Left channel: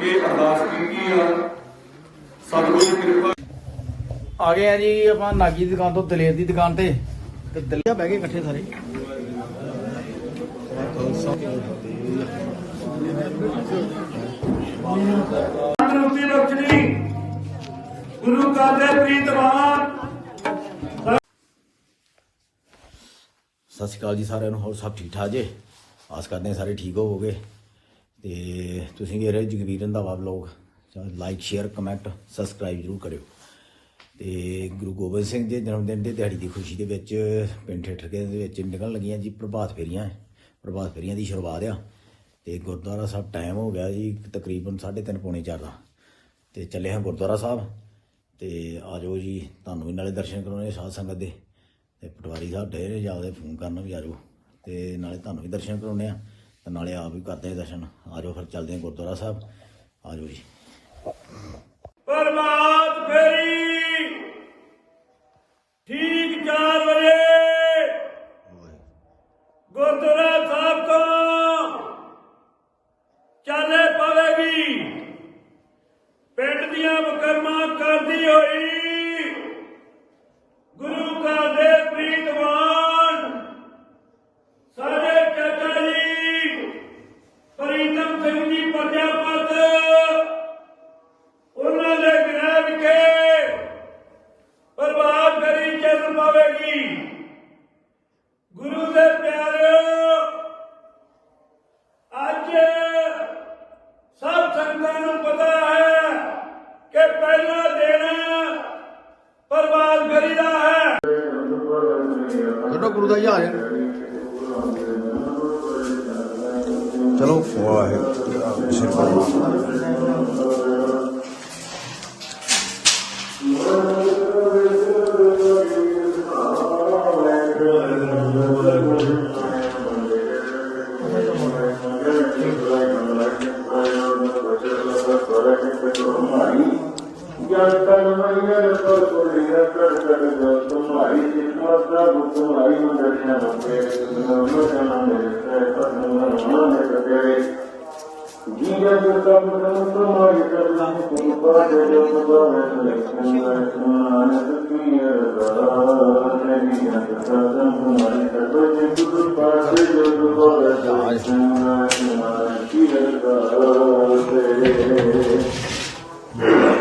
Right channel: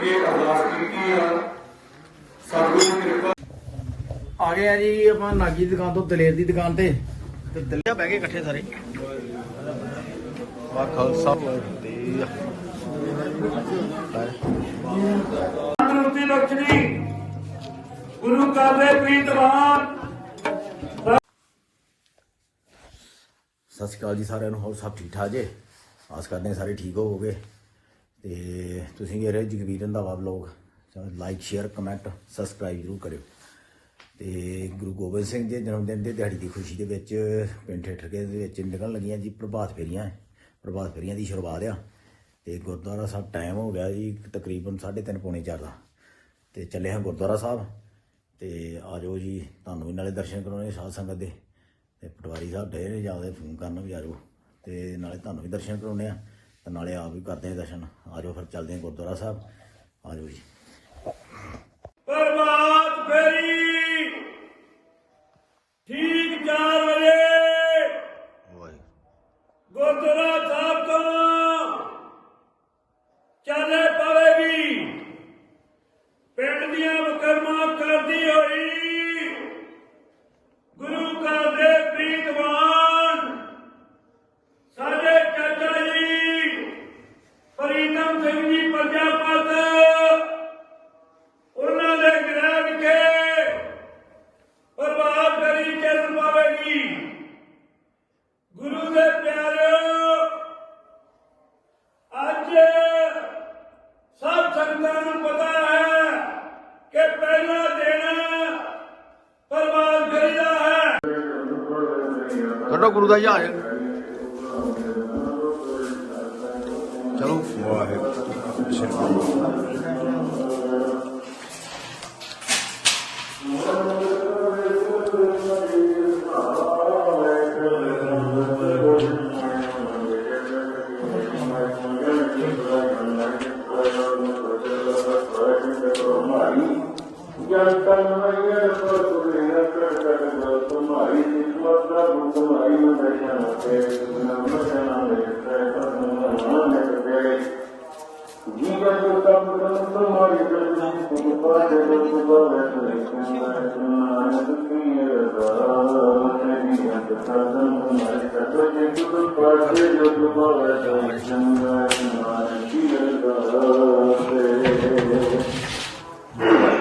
ਕੇ ਅਰਦਾਸ ਕੀਤੀ ਆ। ਸਤਿਗੁਰੂ ਕਿਰਪਾ। ਆ ਗਏ ਆ ਜੀ ਆਪਾਂ ਨਾਗੀ ਦੀ ਦੁਕਾਨ ਤੋਂ ਦਲੇਰ ਦੀ ਦੁਕਾਨ ਤੇ। ਤੇ ਦਲਿਆ ਬਹਿ ਗਏ ਇਕੱਠੇ ਸਾਰੇ। ਵਾਹ ਖਾਲਸਾ। ਤੰਦਰੁਸਤੀ ਬਖਸ਼ਣੀ। ਗੁਰੂ ਕਾ ਦੇ ਪ੍ਰੀਤਵਾਨ ਸਤਿ ਸ਼੍ਰੀ ਅਕਾਲ ਜੀ ਸਾਰਿਆਂ ਨੂੰ ਹੋਰ ਸਭ ਠੀਕ ਠਾਕ ਜੇ? ਆਸ ਕਰਦੇ ਹਾਂ ਸਾਰੇ ਠੀਕ ਹੋਵੋਗੇ। ਤੇ ਤੁਸੀਂ ਵੀ ਰਹੇ Jagvir Randhawa vlog. Like share comment subscribe ਜ਼ਰੂਰ ਕਰਿਓ। ਤੇ ਗੁਰੂ ਗੋਬਿੰਦ ਸਿੰਘ ਦੇ ਜਨਮ ਦਿਨ ਦੀ ਦਿਹਾੜੀ ਦੀ ਖੁਸ਼ੀ ਦੇ ਵਿੱਚ ਪਿੰਡ ਠੇਠਰਕੇ ਦੇ ਵਿੱਚ ਨਿਕਲਣ ਲੱਗੀਆਂ ਜੀ ਪ੍ਰਭਾਤ ਫੇਰੀਆਂ। ਪ੍ਰਭਾਤ ਫੇਰੀਆਂ ਦੀ ਸ਼ੁਰੂਆਤ ਆ। ਤੇ ਗੁਰਦੁਆਰਾ ਸਾਹਿਬ ਟਾਈਮ ਹੋ ਗਿਆ ਜੀ ਤਕਰੀਬਨ 3:30 ਪੌਣੇ 4 ਦਾ। ਤੇ ਚੱਲੇ ਹਾਂ ਗੁਰਦੁਆਰਾ ਸਾਹਿਬ। ਤੇ ਆਜੋ ਜੀ, ਤੁਹਾਨੂੰ ਵੀ ਨਾਲੇ ਦਰਸ਼ਨ ਕਰਾਉਣੇ ਸਾਧ ਸੰਗਤ ਦੇ। ਤੇ ਪਟਵਾਰੀ ਸਾਹਿਬ ਡੇ ਨੇ ਜਾਦੇ ਫੋਨ ਕਰਨ ਵਿਚਾਰੋ ਤੇ ਨਾਲੇ ਤੁਹਾਨੂੰ ਵੀ ਦਰਸ਼ਨ ਕਰਾਉਣੇ ਆ। ਤੇ ਨਾਲੇ ਆਪ ਵੀ ਕਰਦੇ ਆ ਦਰਸ਼ਨ। ਆਜੋ ਫਿਰ ਚੱਲਦੇ ਆ ਗੁਰਦੁਆਰਾ ਸਾਹਿਬ। ਆਜੋ ਜੀ। ਪ੍ਰਭਾਤ ਫੇਰੀ। ਠੀਕ 4 ਵਜੇ। ਗੁਰਦੁਆਰਾ ਸਾਹਿਬ ਤੋਂ ਚਾਲੇ ਪਾਵੇਗੀ। ਪਿੰਡ ਦੀਆਂ ਮੁਕਰਮਾਂ ਕਰਦੀ ਹੋਈ ਗੁਰੂ ਘਰ ਦੇ ਪ੍ਰੀਤਵਾਨ ਜੀਵਨ ਦਾ ਮਨ ਤੁਮਾਰੀ ਕਰਨੀ ਕਿਰਪਾ ਕਰੋ ਤੁਮਾਰੀ ਸੁਖੀ ਅਰਦਾਸ ਨਬੀ ਅੰਤ ਪਰਮ ਤੁਮਾਰੀ ਕਰੋ ਜਿੰਦੂ ਪਾਸੇ ਜੁਗੋ ਜਾਜ ਜੀਵਨ ਦਾ Yeah.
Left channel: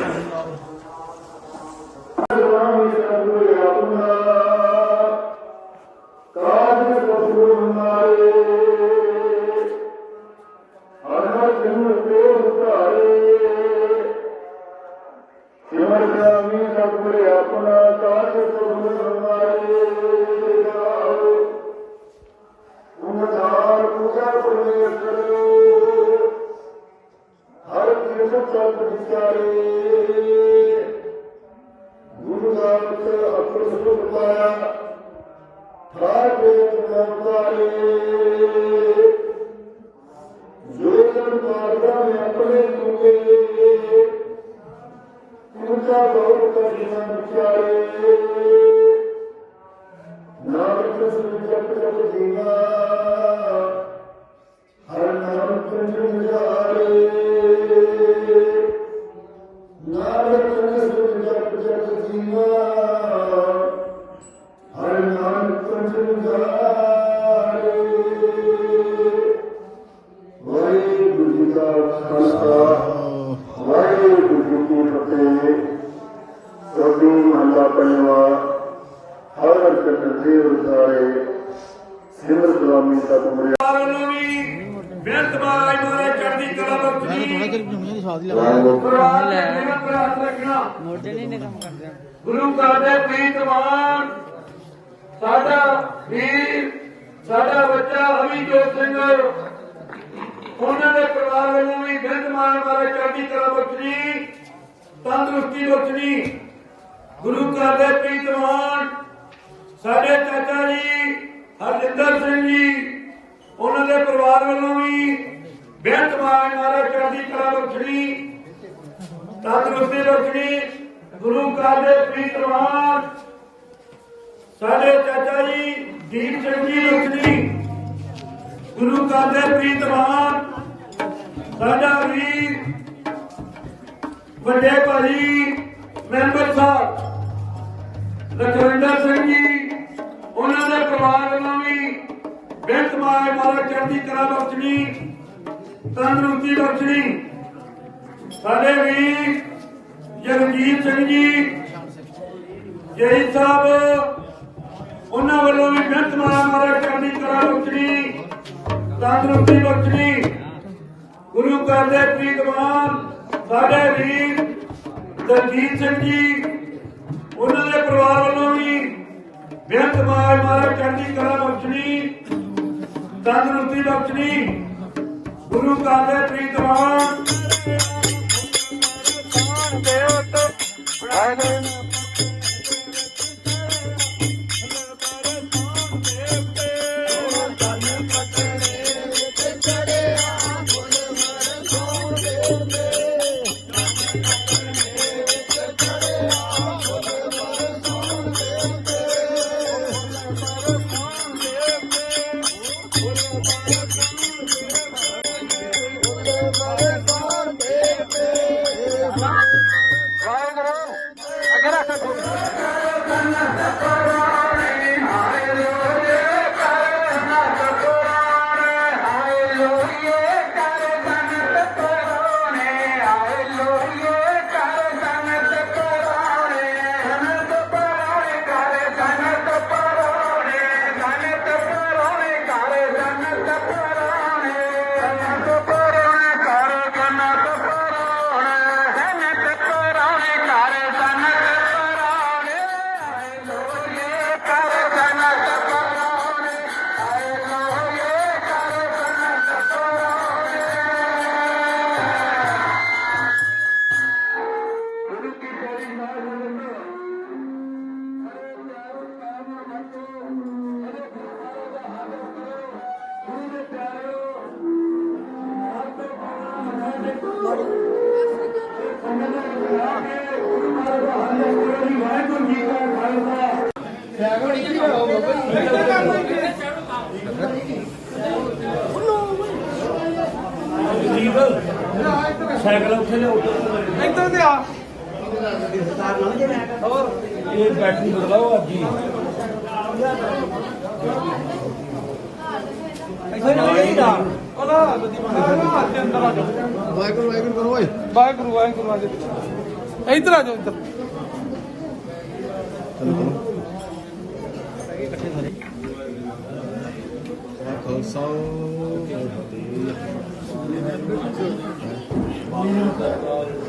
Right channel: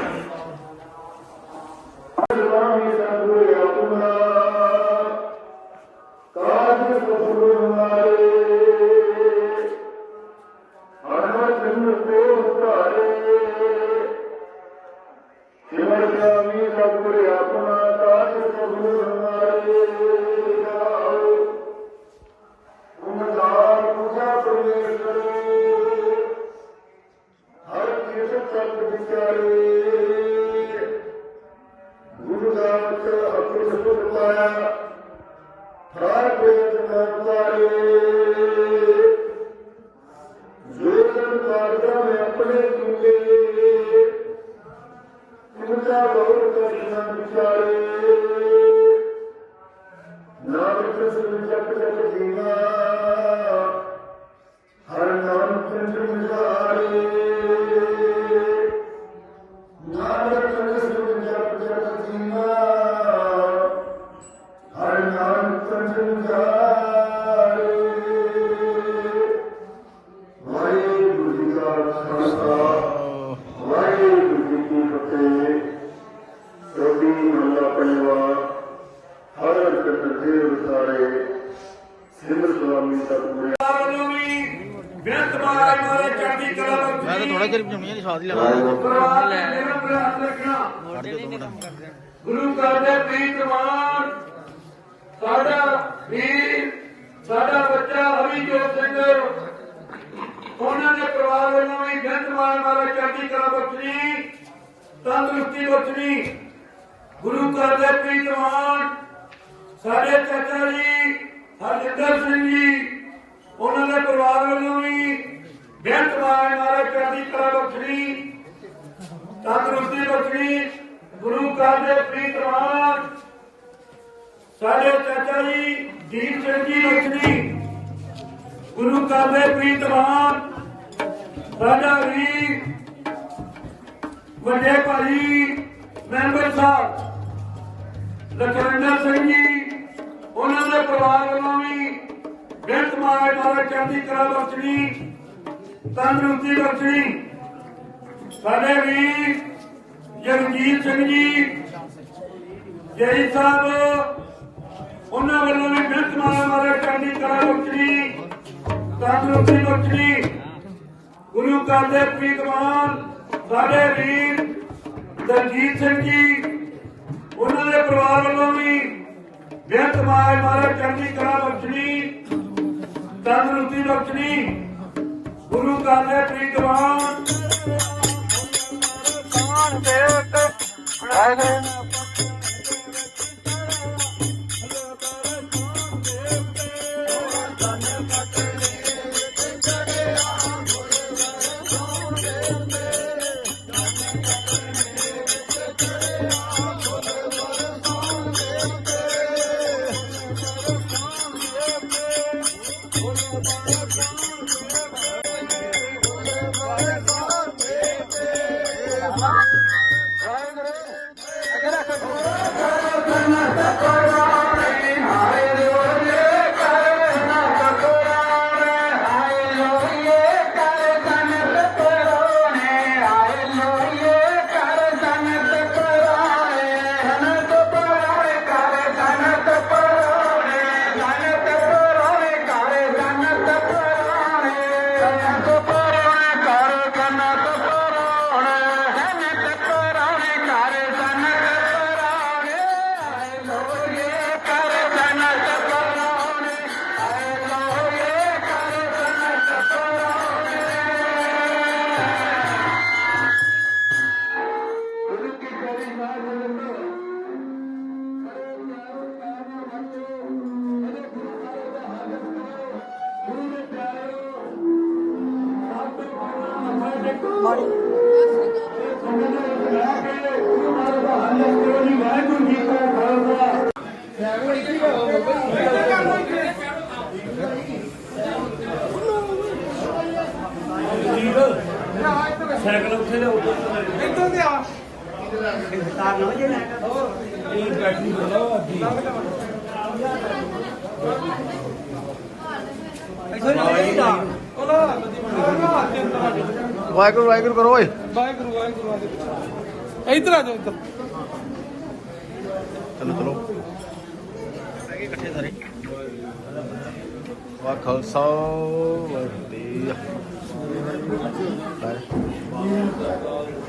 ਸਾਡਾ ਸਾਡਾ ਬੱਚਾ ਅਭਿਜੋਤ ਸਿੰਘ, ਉਹਨਾਂ ਦੇ ਪਰਿਵਾਰ ਵੱਲੋਂ ਵੀ ਬਿੰਦ ਮਾਨ ਮਾਰੇ ਚੜ੍ਹਦੀ ਕਲਾ ਬਖਸ਼ੀ ਤੰਦਰੁਸਤੀ ਬਖਸ਼ੀ ਗੁਰੂ ਕਾ ਦੇ ਪ੍ਰੀਤਵਾਨ ਸਾਡੇ ਚਾਚਾ ਜੀ, ਹਰਜਿੰਦਰ ਸਿੰਘ ਜੀ, ਉਹਨਾਂ ਦੇ ਪਰਿਵਾਰ ਵੱਲੋਂ ਵੀ ਬੇਅੰਤ ਮਾਨ ਮਾਰੇ ਚੜ੍ਹਦੀ ਕਲਾ ਬਖਸ਼ੀ ਤੰਦਰੁਸਤੀ ਬਖਸ਼ੀ ਗੁਰੂ ਘਰ ਦੇ ਪ੍ਰੀਤਵਾਨ ਸਾਡੇ ਚਾਚਾ ਜੀ ਦੀਪ ਸਿੰਘ ਜੀ ਗੁਰੂ ਕਾ ਪ੍ਰੀਤਵਾਨ ਸਾਡਾ ਵੀ ਵੱਡੇ ਭਾਜੀ ਮੈਂਬਰ ਸਾਹਿਬ, ਲਖਵਿੰਦਰ ਸਿੰਘ ਜੀ, ਉਹਨਾਂ ਦੇ ਪਰਿਵਾਰ ਵੱਲੋਂ ਵੀ ਬੇਨਤ ਮਾਏ ਮਾਰੇ ਚੜ੍ਹਦੀ ਕਲਾ ਬਖਸ਼ਣੀ ਤੰਦਰੁਸਤੀ ਬਖਸ਼ਣੀ ਸਾਡੇ ਵੀ ਜਗਜੀਤ ਸਿੰਘ ਜੀ ਜੈ ਸਾਹਿਬ ਵੱਲੋਂ ਵੀ ਬੇਨਤ ਮਾਰੇ ਮਾਰੇ ਚੜ੍ਹਦੀ ਬਖਸ਼ਣੀ ਤੰਦਰੁਸਤੀ ਬਖਸ਼ਣੀ ਗੁਰੂ ਘਰ ਦੇ ਪ੍ਰੀਤਮਾਨ ਸਾਡੇ ਵੀਰ ਦਲਜੀਤ ਸਿੰਘ ਜੀ, ਉਹਨਾਂ ਦੇ ਪਰਿਵਾਰ ਵੱਲੋਂ ਵੀ ਬੇਅੰਤ ਮਾਰ ਮਾਰੇ ਚੜ੍ਹਦੀ ਕਲਾ ਬਖਸ਼ਣੀ ਤੰਦਰੁਸਤੀ ਬਖਸ਼ਣੀ ਗੁਰੂ ਘਰ ਦੇ ਪ੍ਰੀਤਮਾਨ ਖਾਲਸਾ ਸਾਈਕਲ ਉੱਥੇ ਇੱਧਰ ਤੇ ਆ ਇਹ ਬੈਟਰੀ ਬਦਲਾਓ ਅੱਜੀ ਆ ਜਾ ਵਾਹਿਗੁਰੂ ਵਾਹਿਗੁਰੂ ਕਰੋ ਓਏ ਵਾਹਿਗੁਰੂ ਵਾਹਿਗੁਰੂ ਆ ਜਾ ਇੱਧਰ ਆ ਜਾ ਇੱਧਰ। ਚਲੋ ਚਲੋ ਇਕੱਠੇ ਸਾਰੇ। ਵਾ ਖਾਲਸਾ ਵਾਹਿਗੁਰੂ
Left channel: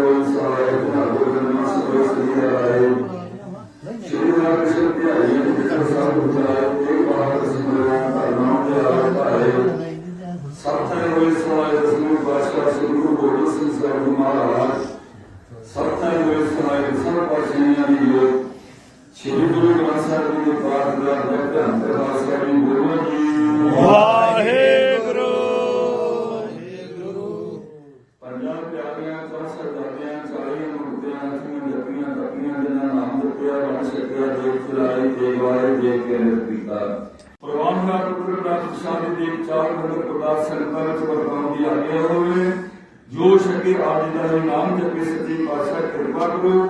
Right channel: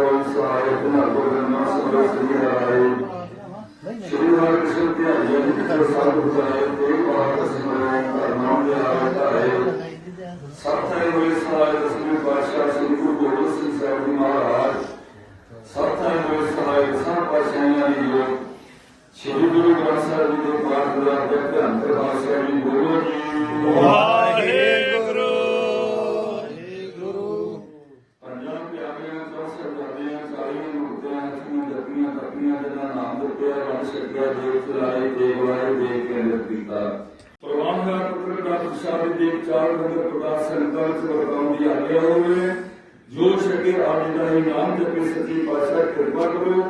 ਸ਼ਕੇ ਆਪ ਜੀ ਦਾ ਨਾਮ ਜਪੇ ਸੱਚੀ ਪਾਤਸ਼ਾਹ ਕਿਰਪਾ ਕਰੋ।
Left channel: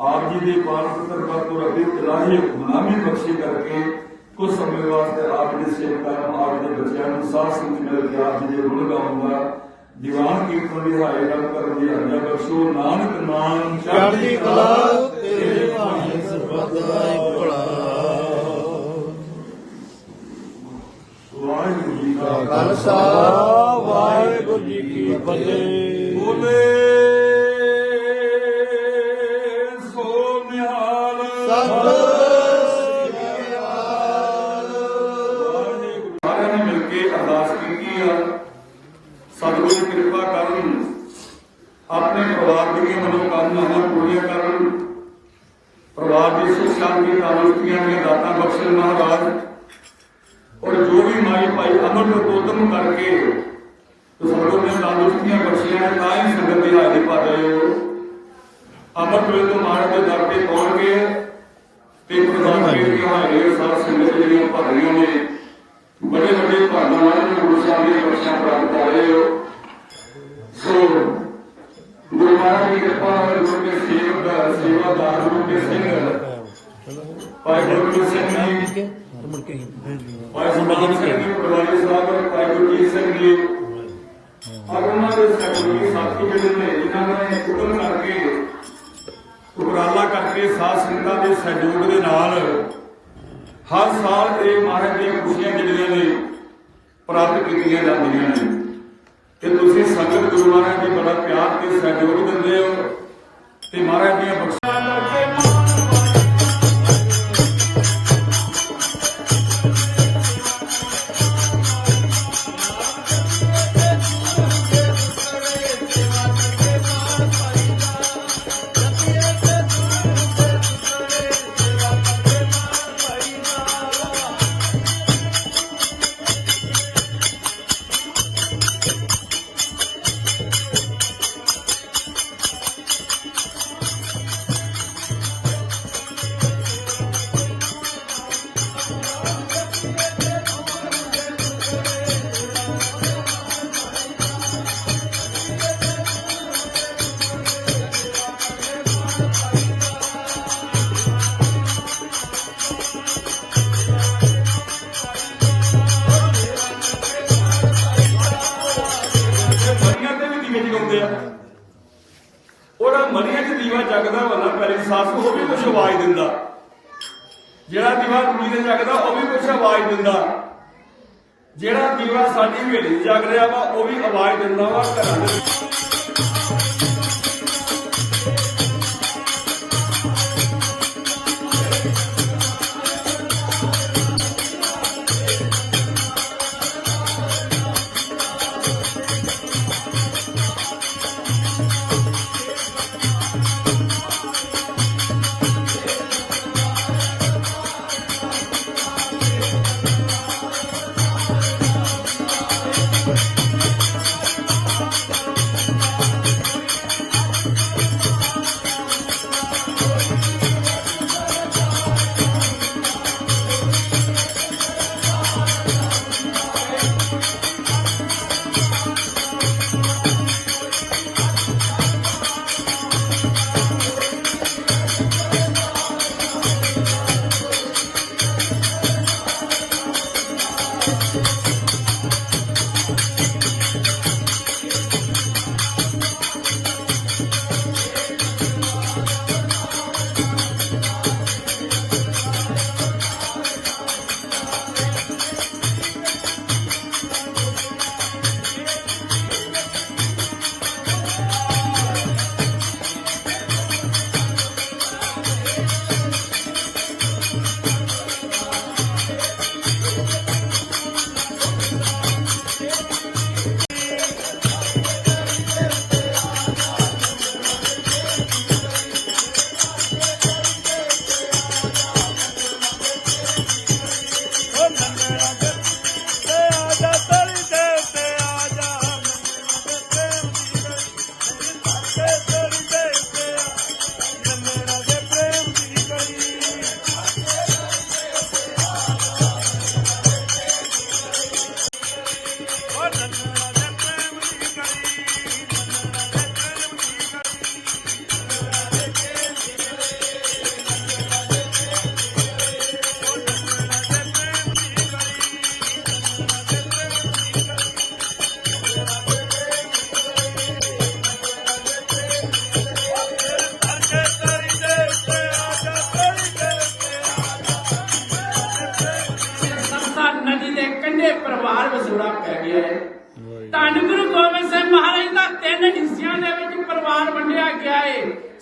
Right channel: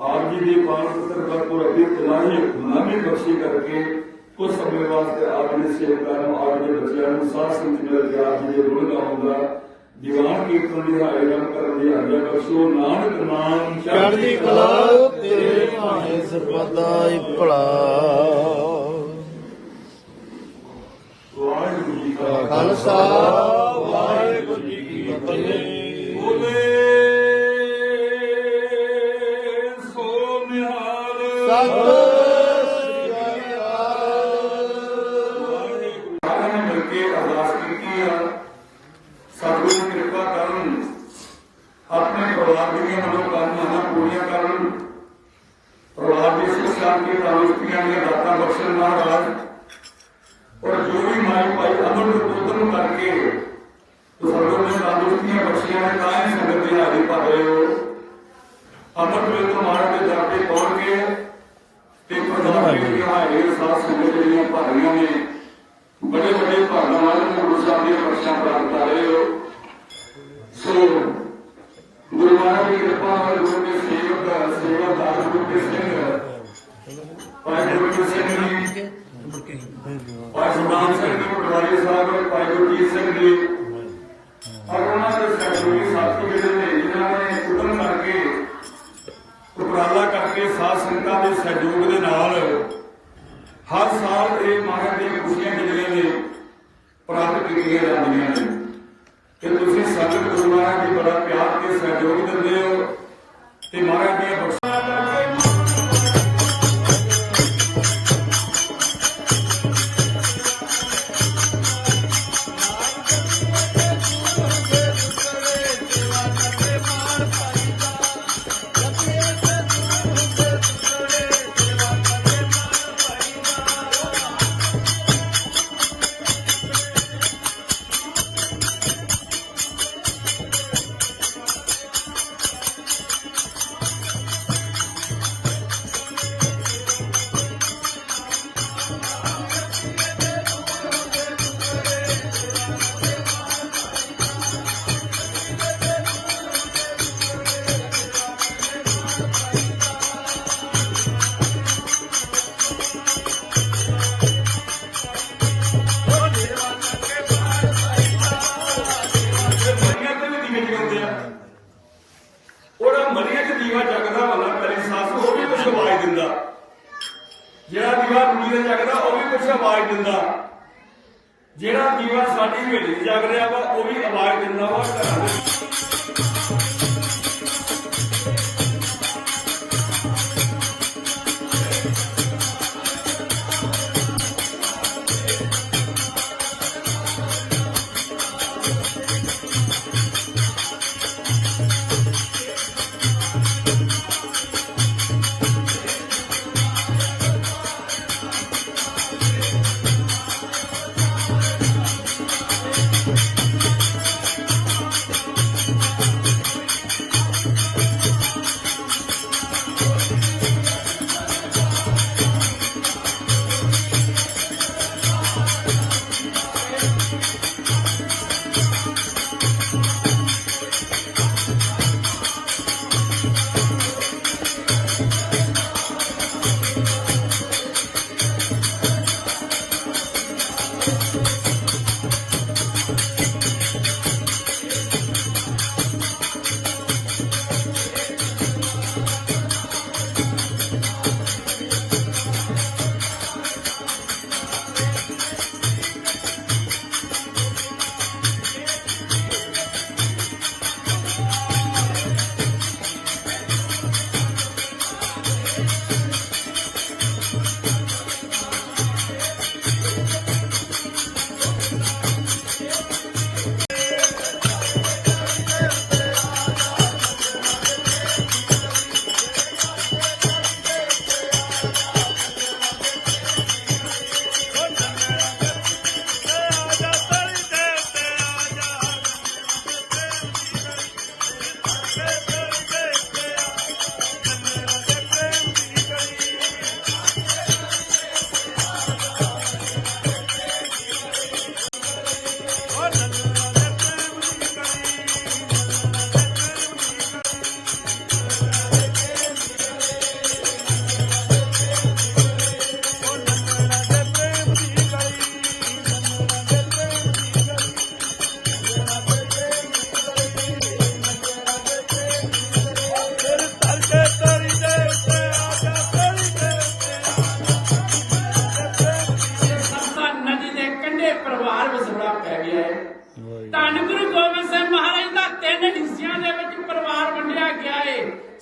ਆਪ ਜੀ ਦੇ ਪਾਕ ਪੁੱਤਰ ਦਾ ਤੋਂ ਰੱਬੀ ਇਲਾਹੀ ਹੁਕਮਨਾਮੇ ਬਖਸ਼ੀ ਕਰਕੇ ਕੁਝ ਸਮੇਂ ਵਾਸਤੇ ਆਪ ਦੇ ਸੇਵਕਾਂ ਨੂੰ ਆਪ ਦੇ ਬੱਚਿਆਂ ਨੂੰ ਸਾਧ ਸੰਗਤ ਦੇ ਵਿਆਹ ਦੇ ਗੁਣ ਗਾਉਂਦਾ ਦੀਵਾਨ ਕੀਰਤਨ ਦੀ ਹਾਜ਼ਰ ਕਰਨ ਦੀ ਹਾਜ਼ਰ ਬਖਸ਼ੋ। ਨਾਨਕ ਨਾਮ ਚੜ੍ਹਦੀ ਕਲਾ ਤੇਰੇ ਭਾਣੇ ਸਰਬਦਾ ਹੀ ਭਲਾ। ਵਾਹਿਗੁਰੂ ਜੀ ਕਾ ਖਾਲਸਾ ਵਾਹਿਗੁਰੂ ਜੀ ਨੇ ਬੜੇ ਵੱਡੇ ਭਾਗਾਂ ਨਾਲ ਗੁਰੂ ਸਾਹਿਬ ਦੇ ਬਖਸ਼ਾਂ ਪ੍ਰਾਪਤ ਕਰ ਹੋ। ਸੋ ਗੁਰੂ ਮਹਾਰਾਜ ਦੀ ਕਿਰਪਾ ਨਾਲ ਗੁਰੂ ਦੇ ਸੇਵਕ ਦਾ ਸੇਵਾਦਾਰ ਗੁਰੂ ਦੇ ਸਿੰਘ ਭਾਈ ਗੁਰੂ ਸਿੰਘ ਜੀ ਭਾਈ ਸੁਭਾਨ ਸਿੰਘ ਜੀ ਪਟਵਾਰੀ ਸਾਹਿਬ ਭਾਈ ਗੁਰਜੀਤ ਸਿੰਘ ਜੀ। ਔਰ ਦੇ ਸਹਿਯੋਗੀ ਸਾਥੀ ਜਿਹੜੇ ਨੇ, ਜਿਨ੍ਹਾਂ ਨੇ ਉਦਮ ਕਰਕੇ ਉਪਰਾਲਾ ਕਰਕੇ ਸਾਧ ਸੰਗਤਾਂ ਦੇ ਸਹਿਯੋਗ ਦੇ ਨਾਲ ਹਰ ਸਾਲ ਇਹ ਮਹਾਰਾਜ ਦੀਆਂ ਖੁਸ਼ੀਆਂ ਜਿਹੜੀਆਂ ਨੇ ਪ੍ਰਾਪਤ ਕੀਤੀਆਂ ਜਾਂਦੀਆਂ ਨੇ। ਤੇ ਤੁਸੀਂ ਸੰਗਤ ਗੁਰੂ ਮਹਾਰਾਜ ਦੀ ਬੜਾ ਪਿਆਰ ਤੇ ਸਹਿਯੋਗ ਦਿੰਦੇ ਹੋ ਤੇ ਮਹਾਰਾਜ ਦੀਆਂ ਬਖਸ਼ਾਂ ਕਰੀ ਉਹ ਵੀ ਕੁਝ ਆਵਾਜ਼ ਦਿੰਦਾ। ਜਿਹੜਾ ਦੀਵਾ ਕੁੜੀ ਦੇ ਜਗਦਾ, ਉਹ ਵੀ ਕੁਝ ਆਵਾਜ਼ ਦਿੰਦਾ। ਜਿਹੜਾ ਦੀਵਾ ਸਾਡੀ ਹਵੇਲੀ 'ਚ ਜਗ ਰਿਹਾ ਵਾ, ਉਹ ਵੀ ਆਵਾਜ਼ ਦਿੰਦਾ ਵਾ ਘਰਾਂ ਦੇ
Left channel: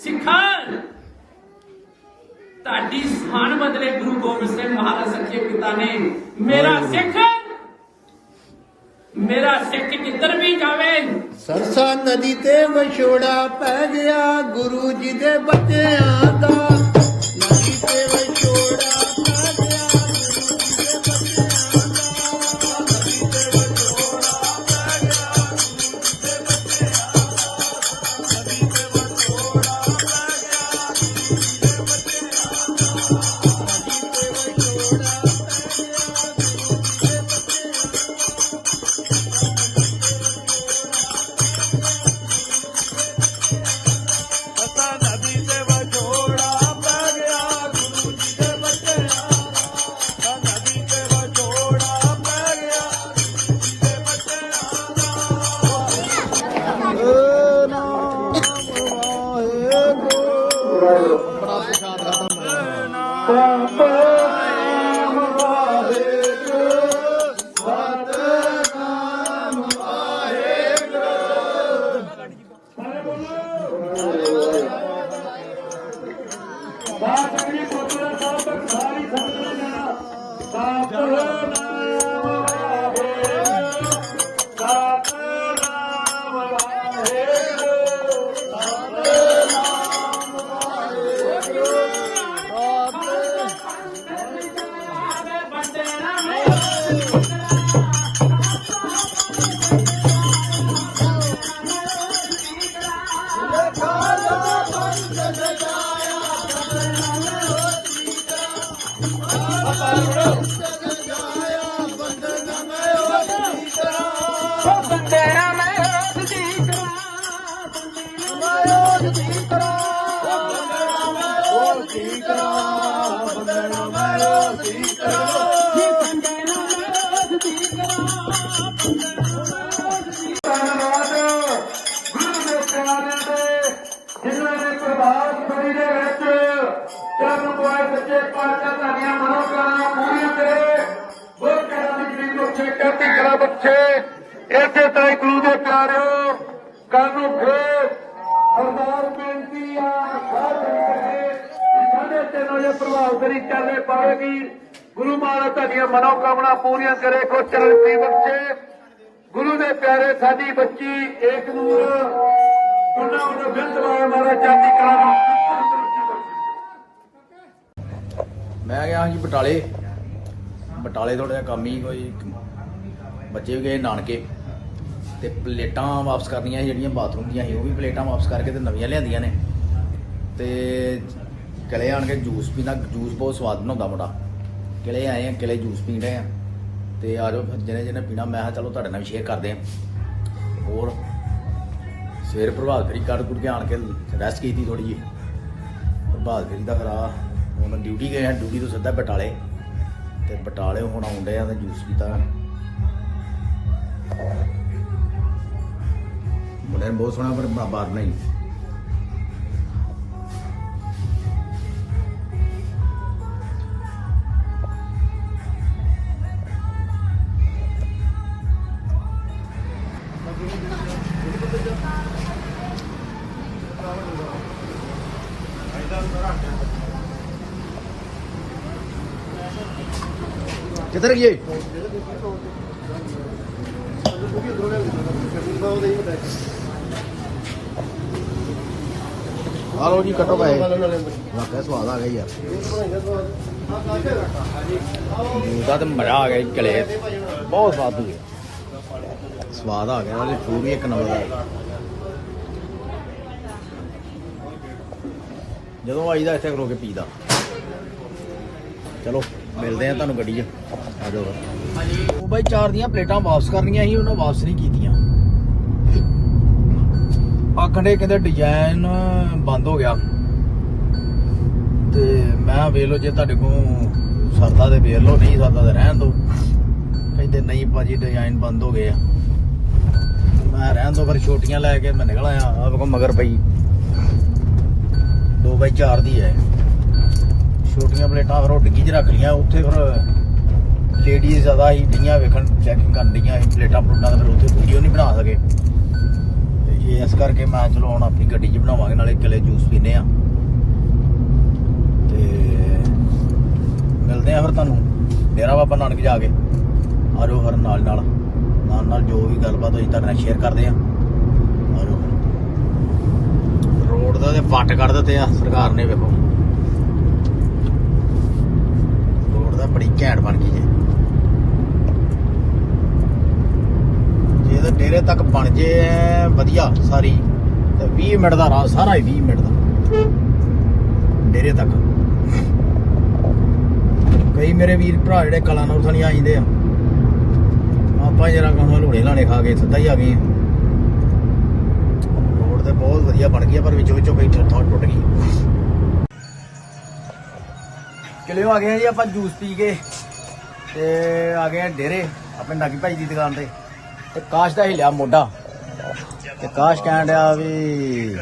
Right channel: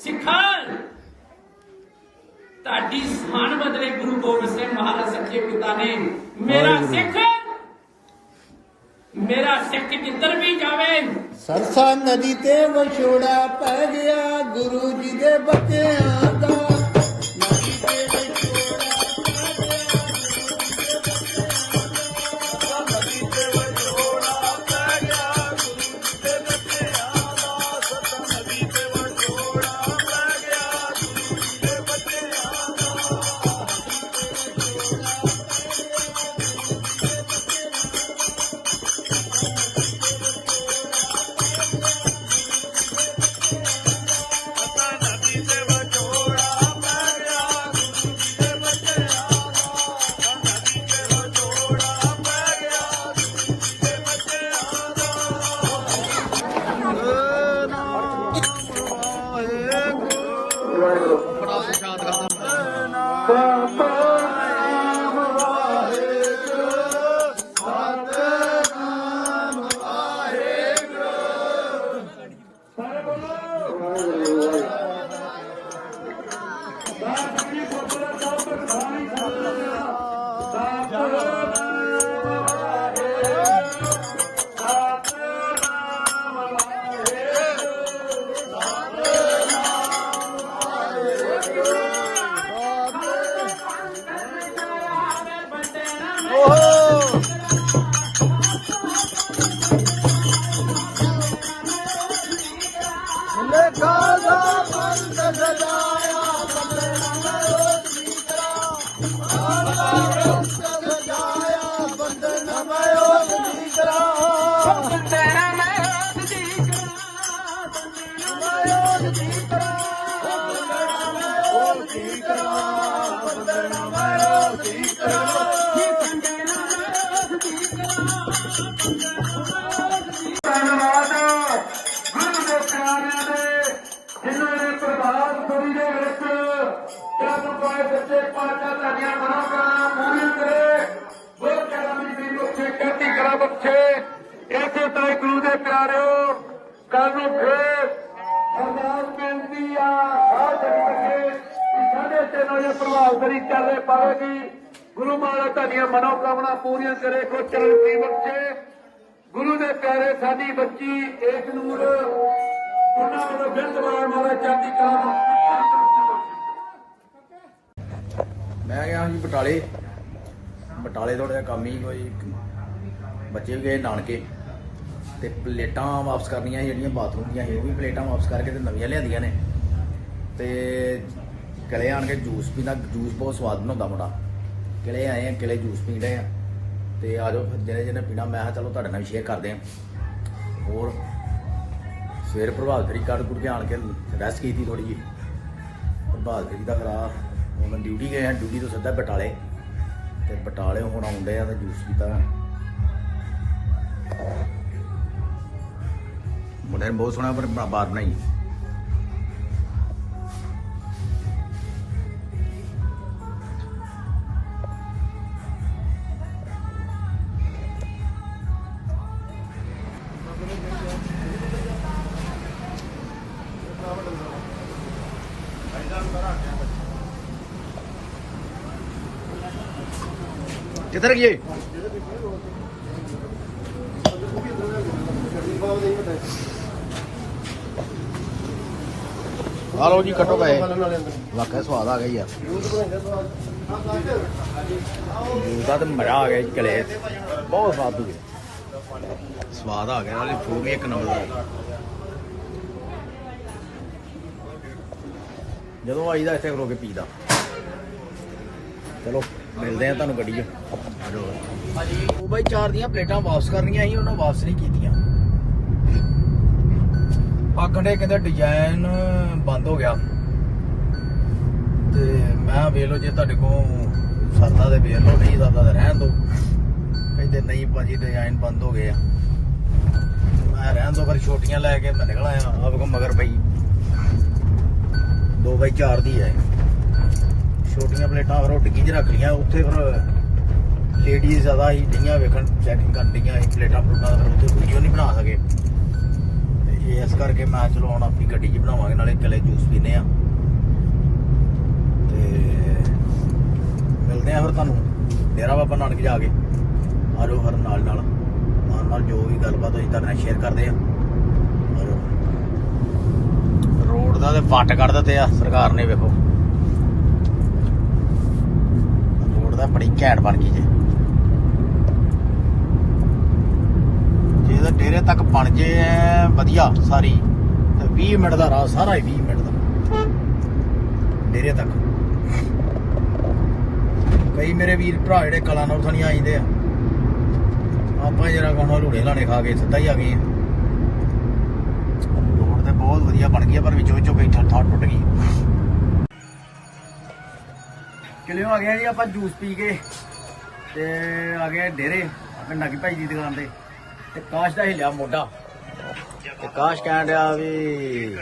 ਸਿੱਖਾਂ। ਤੁਹਾਡੀ ਸਾਨ ਬਦਲੇ ਗੁਰੂ ਗੋਬਿੰਦ ਸਿੰਘ ਮਹਾਰਾਜ ਸੱਚੇ ਪਿਤਾ ਨੇ ਮੇਰਾ ਸਿੱਖ ਮੇਰਾ ਸਿੱਖ ਜਿੱਧਰ ਵੀ ਜਾਵੇ। ਸਰਸਾ ਨਦੀ ਤੇ ਵਿਛੋੜਾ ਪੈ ਗਿਆ ਗੁਰੂ ਜੀ ਦੇ ਬੱਚਿਆਂ ਦਾ। ਨਦੀ ਤੇ ਵਿਛੋੜਾ ਪਾਏ ਬੱਚੇ ਪਾਚਾ ਤੁਹਾਡੀਆਂ ਮਨੋਕਾਮਨਾ ਪੂਰੀਆਂ ਕਰੇ। ਬਹੁਤ ਜਗ੍ਹਾ ਦੀ ਬੱਚੇ ਕਰਤੀ ਕਲਾ ਬੱਚੇ। ਇਸੇ ਤਾਈ ਗੁਰੂ ਦੇ ਪਿਆਰਿਓ ਕੱਲ ਨੂੰ ਫੇਰ ਅਰਦਾਸ ਬੇਨਤੀ ਆ ਸਾਧ ਸੰਗਤ ਸਾਡੇ ਤੇ ਨਾਲੇ ਪ੍ਰਭਾਵ ਫੜੀ ਚੱਲੇ ਪਾਵੇਗੀ। ਗੁਰੂ ਮਹਾਰਾਜ ਤੁਹਾਡੀਆਂ ਮਨੋਕਾਮਨਾ ਪੂਰੀਆਂ ਕਰੇ ਕੋ ਚਰਨ ਦੀ ਬੱਚੇ। ਗੁਰੂ ਦੇ ਪਿਆਰੇ ਸਾਡੀ ਬੱਚੀ ਏਕ ਨੂਰ ਉਹਨਾਂ ਵੱਲੋਂ ਬਿੰਦਵਾਰ ਮਾਰਾ ਚਾਂਦੀ ਕਲਾ ਨੂੰ ਮੈਂ ਗਿਆ ਜੀ ਬਟਾਲੇ। ਬਟਾਲੇ ਥੋੜਾ ਜਿਹਾ ਕੰਮ ਹੀ ਕੋਈ ਬੱਚੇ ਵੀ ਗਏ ਨਾਨਕੇ। ਤੇ ਪਲੇਟਾਂ ਵਾਪਸ ਕਰਨੀਆਂ ਸੀ, ਜਿਹੜੀਆਂ ਬਾਥਰੂਮ ਦੀਆਂ ਸੀ, ਉਹ ਵੀ ਪਲੇਟਾਂ ਵਾਪਸ ਕਰਕੇ ਤੇ ਨਵੀਆਂ ਲਿਆਂਦੀਆਂ ਨੇ। ਤੇ ਕਿਲੇ ਆਣ ਕੇ ਜੂਸ ਪੀਂਦਾ, ਜੂਸ ਬਹੁਤ ਸਵਾਦ ਬਣਾਉਂਦਾ ਮੁੰਡਾ। ਕਿਲੇ ਆਏ ਆ, ਕਿਲੇ ਜੂਸ ਪੀਣ ਰਹੇ ਆ। ਤੇ ਆ ਜਾਓ, ਫਿਰ ਜਿਹਨੇ ਜਿਹਨੇ ਪੀਣਾ, ਮੈਂ ਕਿਹਾ ਚਲੋ ਤੁਹਾਡੇ ਨਾਲ ਵੀ ਸ਼ੇਅਰ ਕਰਦੇ ਆ। ਹੋਰ ਸਵੇਰ ਪ੍ਰਭਾਤ ਫੇਰੀ ਕੱਢ ਕੁੜ ਕੇ ਆਣ ਕੇ ਰੈਸਟ ਕੀਤੀ ਥੋੜੀ ਜਿਹੀ। ਪ੍ਰਭਾਤ ਫੇਰੀ ਦਾ ਖਰਾ ਹੁਣ ਡਿਊਟੀ ਗਏ ਆ, ਡਿਊਟੀ ਤੋਂ ਸਿੱਧਾ ਬਟਾਲੇ। ਤੇ ਬਟਾਲੇ ਹੁਣ ਆਉਂਦੇ ਆ ਤੇ ਜੂਸ ਪੀਤਾ। ਮੁੰਡੇ ਨੇ ਬਹੁਤ ਸੋਹਣਾ ਪਰ ਬਾਰ ਬਣਾਈ। ਕਿੱਧਰ ਗਏ? ਆ ਲੋ ਜੀ, ਕੱਟੋ ਪਏ ਵਾਕਿਆ ਸਵਾਦ ਆ ਗਿਆ ਯਾਰ। ਜੂਸ ਦਾ ਤੇ ਮਜ਼ਾ ਆ ਗਿਆ ਜੀ, ਚਲੇ ਬਹੁਤ ਸਵਾਦ ਸੀ। ਸਵਾਦ ਆ ਗਿਆ, ਉਹਦੀ ਫੂਡ ਵੀ ਇੱਕ ਨੰਬਰ ਦਾ। ਜਦੋਂ ਆਈਦਾ, ਇੱਥੇ ਖਲੋ ਕੇ ਪੀਦਾ। ਚਲੋ। ਮਿਲਦੇ ਆ ਤੁਹਾਨੂੰ ਗੱਡੀ 'ਚ। ਆ ਜਾਓ ਫਿਰ। ਉਹ ਬਾਈ ਚਾਰ ਦੀਆਂ ਪਲੇਟਾਂ ਵਾਪਸ ਕਰਨੀਆਂ ਸੀ, ਉਹਨਾਂ ਵਾਪਸ ਨਹੀਂ ਕੀਤੀਆਂ। ਆਖੰਡੇ ਕਹਿੰਦੇ ਡਿਜ਼ਾਈਨ ਬੰਦ ਹੋ ਗਿਆ। ਤੇ ਮੈਂ ਵੇਖ ਲਓ ਜੇ ਤੁਹਾਡੇ ਕੋਲ ਸਰਦਾ ਤੇ ਵੇਖ ਲਓ, ਨਹੀਂ ਸਰਦਾ ਤੇ ਰਹਿਣ ਦਿਓ ਕਹਿੰਦੇ ਨਹੀਂ ਭਾਜੀ ਡਿਜ਼ਾਈਨ ਬੰਦ ਹੋ ਗਏ ਆ। ਮੈਂ ਰਹਿਣ ਦੋ, ਫਿਰ ਛੋਟੀਆਂ ਲੈ ਕੇ ਮੈਂ ਨਿਕਲ ਆਇਆ। ਆਪ ਕੋ ਮਗਰ ਪਈ। 2 ਬਾਈ 4 ਦੀ ਹੈ। ਛੋਟੀਆਂ ਪਲੇਟਾਂ ਫਿਰ ਉਹ ਡਿੱਗੀ 'ਚ ਰੱਖ ਲੀਆਂ ਉੱਥੇ ਫਿਰ ਲੇਡੀਜ਼ ਜ਼ਿਆਦਾ ਹੀ ਡੀਆਂ ਵੇਖਣ ਚੈਕਿੰਗ ਕਰਨ ਡਈਆਂ ਸੀ ਪਲੇਟਾਂ ਪਲੂਟਾਂ ਦਾ, ਫਿਰ ਉੱਥੇ ਵੀਡੀਓ ਨਹੀਂ ਬਣਾ ਸਕੇ। ਤੇ ਇਸ ਕਰਕੇ ਮੈਂ ਚਲੋ ਹੁਣ ਆਪਣੀ ਗੱਡੀ 'ਚ ਬਣਾਵਾਂਗੇ, ਨਾਲੇ ਇਕੱਲੇ ਜੂਸ ਪੀਨੇ ਆ ਤੇ ਮਿਲਦੇ ਆ ਫਿਰ ਤੁਹਾਨੂੰ। ਡੇਰਾ ਬਾਬਾ ਨਾਨਕ ਜਾ ਕੇ। ਆਜੋ ਹਰ ਨਾਲ ਨਾਲ। ਨਾਲ ਨਾਲ ਜੋ ਵੀ ਗੱਲਬਾਤ ਹੋਈ ਤੁਹਾਡੇ ਨਾਲ ਸ਼ੇਅਰ ਕਰਦੇ ਆ ਆਜੋ। ਰੋਡ ਦਾ ਤੇ ਪੱਟ ਕੱਢ ਦਿੱਤੇ ਆ, ਸਰਕਾਰ ਨੇ ਵੇਖੋ। ਰੋਡ ਬੜੀ ਘੈਂਟ ਬਣ ਗਈ ਜੇ। ਜੇ ਤਾਂ ਡੇਰੇ ਤੱਕ ਬਣ ਜੇ, ਵਧੀਆ ਸਾਰੀ। ਤੇ 20 ਮਿੰਟ ਦਾ ਰਾਹ, ਸਾਰਾ ਹੀ 20 ਮਿੰਟ ਦਾ। ਡੇਰੇ ਤੱਕ। ਕਈ ਮੇਰੇ ਵੀਰ ਭਰਾ ਜਿਹੜੇ ਕਲਾ ਨਾਲ ਥਣੀ ਆਈਂਦੇ ਆ ਆਪਾਂ ਜਰਾ ਕੋਣ ਲੋੜੇ ਲਾਣੇ ਖਾ ਕੇ ਸਿੱਧਾ ਹੀ ਆ ਗਏ ਰੋਡ ਤੇ ਬਹੁਤ ਵਧੀਆ ਬਣ ਗਈ ਪਰ ਵਿੱਚੋਂ ਵਿੱਚੋਂ ਕਈ ਥਾਂ ਥਾਂ ਟੁੱਟ ਗਈ। ਚਲਿਓ ਆ ਗਏ ਜੀ ਆਪਾਂ ਜੂਸ ਪੀ ਕੇ ਤੇ ਆ ਗਏ ਡੇਰੇ ਆਪਣੇ ਨਾਗੀ ਭਾਈ ਦੀ ਦੁਕਾਨ ਤੇ। ਤੇ ਕਾਸ਼ ਦਾ ਹੀ ਲਿਆ ਮੋਢਾ। ਤੇ ਕਾਸ਼ ਕਹਿਣ ਡਿਆ ਵੀ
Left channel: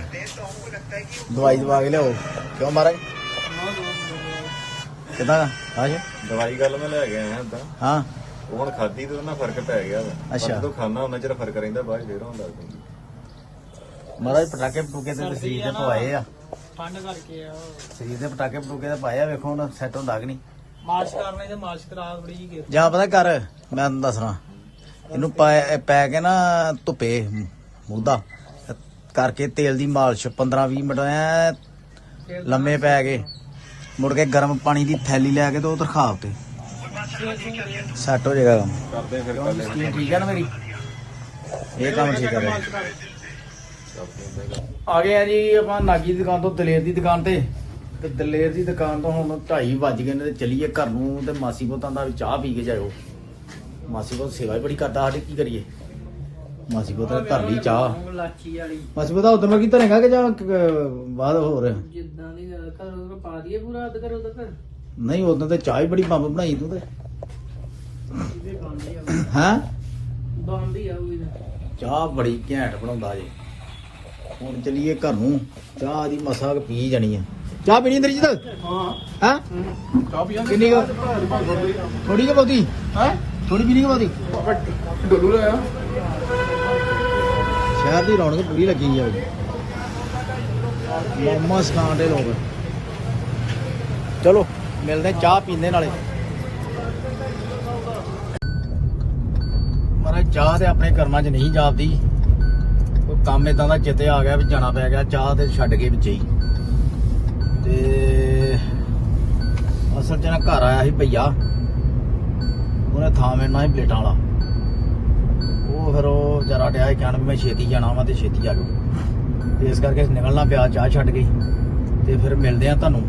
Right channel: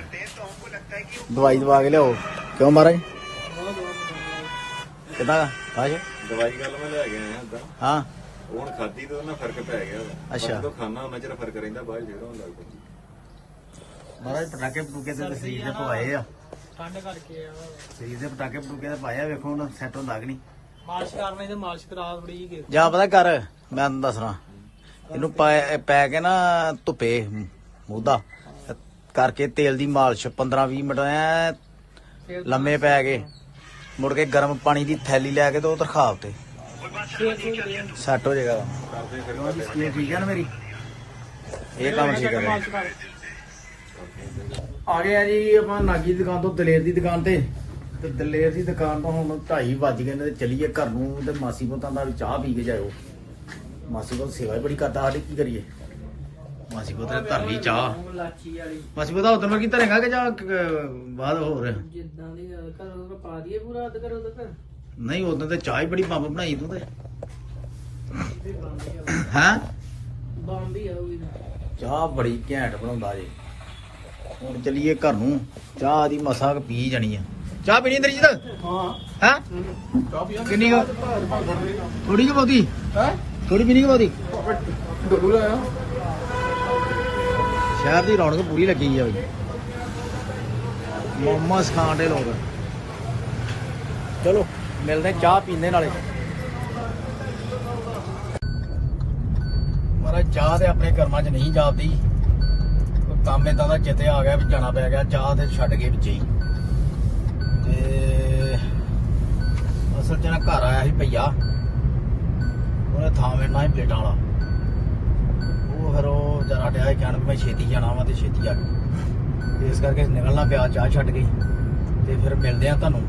ਦਵਾਈ ਦਵਾ ਕੇ ਲਿਆਓ। ਕਿਉਂ ਮਾਰੇ? ਕਿਦਾਂ ਕਾਸ਼? ਦਵਾਈ ਗੱਲ ਮੈਂ ਲੈ ਕੇ ਆਇਆ ਏਦਾਂ। ਹਾਂ। ਹੁਣ ਖਾਦੀ ਤੇ ਉਹਨਾਂ ਫ਼ਰਕ ਪੈ ਗਿਆ ਵਾ। ਪਰ ਅੱਛਾ। ਜਦੋਂ ਖਾਣਾ ਉਹਨਾਂ ਚਿਰ ਫ਼ਰਕ ਰਹਿੰਦਾ ਬਾਅਦ ਫੇਰ ਹੋਣ ਲੱਗ ਪੈਂਦੀ। ਮਹਾਰਾਜ ਪਟਾਕੇ ਪਟੂਕੇ ਤੇ ਸਰੀਰ ਦੇ ਪਵਾਏ ਆ। ਠੰਡ ਕਰਕੇ ਆ। ਸਰੀਰ ਦੇ ਪਟਾਕੇ ਪਟੂਕੇ ਤੇ ਪਾਏ ਆ ਵੇਖੋ ਹੁਣ ਸੈੱਟ ਹੁੰਦਾ ਕਿ ਨਹੀਂ। ਮਾਰਚ ਕਰਨੇ ਤੇ ਮਾਰਚ ਕਰਾ ਬੜੀ ਜਾ ਪਤਾ ਕਰ ਮੈਂ ਤੈਨੂੰ ਦੱਸਣਾ ਇਹਨੂੰ ਪੈ ਪੈ ਕੇ ਨਾ ਧੁੱਪੇ ਮੂਦਾ ਕਰਕੇ ਤੇਲ ਦੀ ਮਾਲਿਸ਼ 15 20 ਮਿੰਟ ਐ ਲੰਮੇ ਪੈ ਕੇ ਮੁੜ ਕੇ ਗਰਮ ਪਾਣੀ ਦੀ ਥੈਲੀ ਲੈ ਕੇ ਤੇ ਉਹ ਤਰਖਾਵ ਤੇ। ਸੈੱਟ ਹੋ ਜਾਏਗਾ। ਕਰਦੇ ਫਿਰ ਠੀਕ ਹੈ ਨਾ ਮੇਰੀ? ਇਹ ਕੰਮ ਠੀਕ ਹੈ ਰਿਹਾ। ਆ ਗਏ ਆ ਜੀ ਆਪਾਂ ਨਾਗੀ ਦੀ ਦੁਕਾਨ ਤੋਂ ਦਲੇਰ ਦੀ ਦੁਕਾਨ ਤੇ। ਤੇ ਦਲੇਰ ਦੀ ਦੁਕਾਨ ਤੋਂ ਹੁਣ 2:30 ਵੱਜ ਗਏ ਨੇ ਤੇ ਚੱਲੀਏ ਘਰ ਨੂੰ ਤੇ ਮਾਸੀ ਪੁੱਤਾਂ ਦਾ ਵੀ ਚਾਹ ਪੀ ਕੇ ਜਾਇਓ। ਮਾਸੀ ਪੁੱਤ ਸੇਵਾ ਹੀ ਬੜੀ ਕਰਦਾ ਸਾਡੀ ਕੀ ਕਰੀਏ? ਮਾਸੀ ਪੁੱਤ ਧਰ ਲਈ ਚਾਹ। ਲਾਚੀ ਵਾਲੀ ਮਾਸੀ ਪੁੱਤ ਉਦੋਂ ਕੀ ਧਰੇਗਾ ਕਿ ਜਾਂ ਬਾਅਦ ਹੋਰ। ਜਿੱਦਾਂ ਦੀ ਕਰੋ ਪਾ ਦਈਏ ਪੂਰਾ ਅੱਧ ਕਰੋ ਤਾਂ ਫਿਰ ਨਹੀਂ ਉਦੋਂ ਤੇ ਚਾਹ ਹੀ ਬੜੀ ਬੰਬ ਬਣਾਈ ਤੂੰ ਤੇ। ਹਾਂ ਬੰਦੀ ਆਊਗੀ ਚਾਹ ਬੜੀ ਘੈਂਟ ਬਣਾਉਂਦਾ ਜੇ। ਹੁਣ ਚੱਲੀਏ ਘਰ ਨੂੰ। ਚਾਹ ਦੀ ਮਸਾ ਕੁ ਪੀ ਜਾਣੀ ਆ। ਚਾਹ ਪੀਣੀ ਇੰਦਰਜੀਤ ਹਾਂ। ਹਾਂ? ਚਾਹ ਪੀਆਂ ਕਿੰਨੀ ਕੁ? ਥੋੜੀ ਜਿਹੀ ਬਹੁਤੀ। ਹੈ? ਥੋੜੀ ਪੀਣੀ ਕਿ ਬਹੁਤੀ? ਡੋਲੂ ਲਾਇਆ ਸ਼ਹਿਰ ਦੀ ਰੌਣਕ ਪੂਰੀ ਲੱਗੀ ਆ ਬਈ। ਮੋਮਸ ਖਾਣ ਦੇ ਲੋਕ। ਚਲੋ ਮਿਲਦੇ ਚਾਹ ਪੀਂਦੇ ਨਾਲੇ। ਮਾਰਾ ਚਾਹ ਤੇ ਆਪਣੇ ਕਰਮਾਂ 'ਚ ਨਹੀਂ ਜਾਪਦੀ। ਕੰਮ ਇਦਾਂ ਦਾ ਚਿੱਤੇ ਆ ਗਿਆ ਵੀ ਜਾਣਾ ਪੈ ਗਿਆ, ਚਾਹ ਤੇ ਛੱਡ ਕੇ ਵਿੱਚ ਹੀ। ਤੇ ਅਸਲ 'ਚ ਨਾ ਘਰ ਆਇਆ ਸੀ ਭਈਆ। ਉਹਨੇ ਥਾਂ ਵੇਣਾ ਸੀ ਪਲੇਟਾਂ ਵਾਲਾ। ਉਹ ਫਿਰ ਉਹ ਜਰਾ ਡਿਆ ਸੀ ਕਹਿਣ ਵੀ ਮੈਂ ਛੇਤੀ ਜਾਣਾ ਵਾ ਤੇ ਛੇਤੀ ਆ ਗਿਆ ਇਸ ਕਰਕੇ ਨਿਕਲਣਾ ਪਿਆ, ਚਾਹ ਛੱਡ ਕੇ। ਤੇ ਫਿਰ ਮਿਲਦੇ ਆ ਤੁਹਾਨੂੰ।